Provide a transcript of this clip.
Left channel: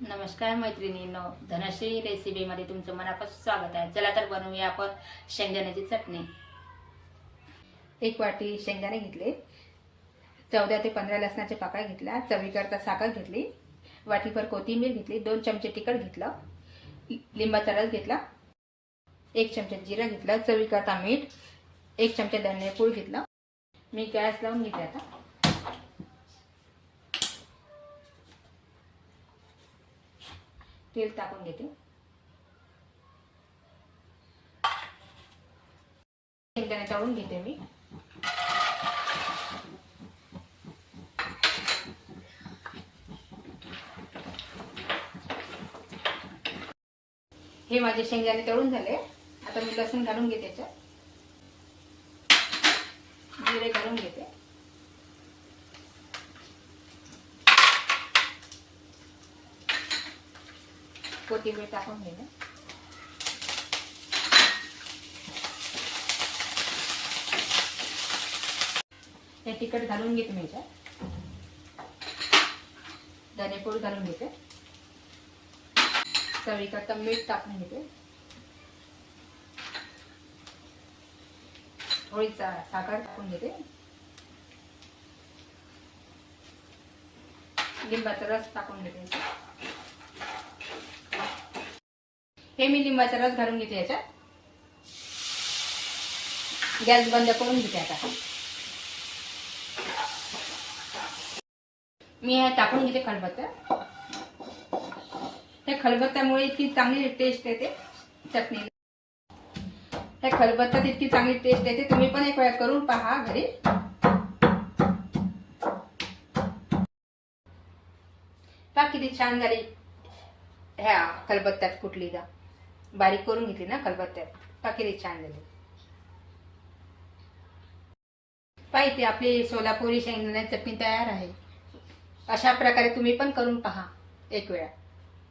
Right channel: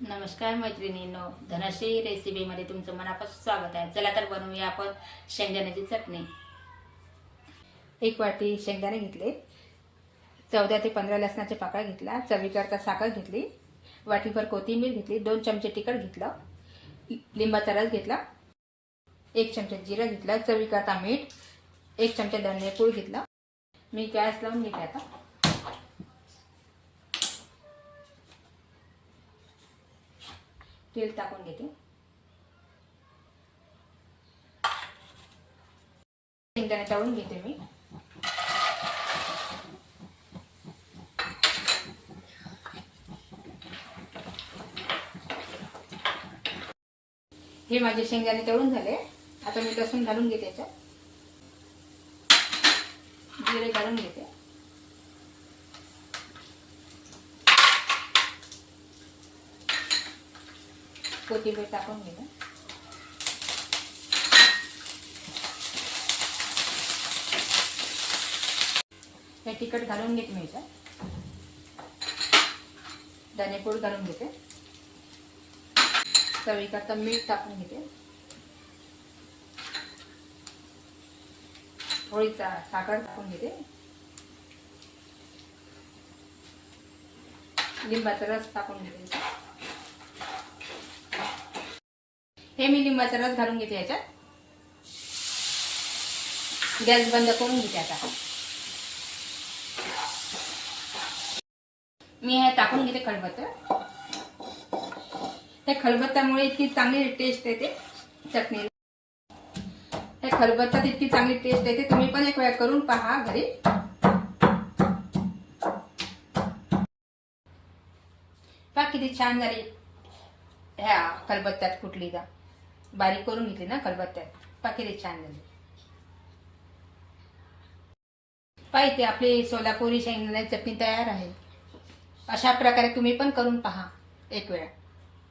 नमस्कार मैत्रिणींनो धनश्री रेसिपीमध्ये तुमचं मनापासून स्वागत आहे. चला तर बनवूया आपण शेंगदाण्याची चटणी. एक वाटी शेंगदाणे घेतले. चौदा ते पंधरा लसणाचे पाकळ्या घेतला चवीकरता साखर घेतली. वाटीभर कोथिंबीर घेतली. दोन चमचे तिखट घेतलं. लिंबाचा रस घेतला. एक चमचा जिरं घेतलं. चवीकरता मीठ. एक चमचा धनेपूड घेतलं. मी गॅस लावून घेते आता. तेल टाकून घेते. शेंगदाणे तळून घेते मी. हे माझे शेंगदाणे तळून झाले. आता मी लसूण घालून घेते याच्यात. जिरे घालून घेते. कोथिंबीर टाकून घेते हे तिखट घालून घेते मी याच्यात. धनेपूड घालून घेते. करता मीठ टाकून घेते. थोडी साखर टाकून घेते. लिंबाचा रस टाकून घेते. हे मी लिंबाचा रस घालून घेते याच्यात. गॅस बंद करून घेते आता. मी हे टाकून घेते खलबत्ता त्या खलबत्त्यामुळे इतकी चांगली टेस्ट येते चटणी त्या खलबत्त्यात इतकी चांगली टेस्ट येते. तुम्ही पण एक वेळा करून पहा घरी. पहा किती छान झाली ह्या खलबत्त्यात कुठली का बारीक करून घेतली ना खलबत्त्यात पाकिरे छान झाली. पाहिजे आपली सोलापुरी शेंगदाण्याची चटणी तयार आहे. अशा प्रकारे तुम्ही पण करून पहा एक वेळा.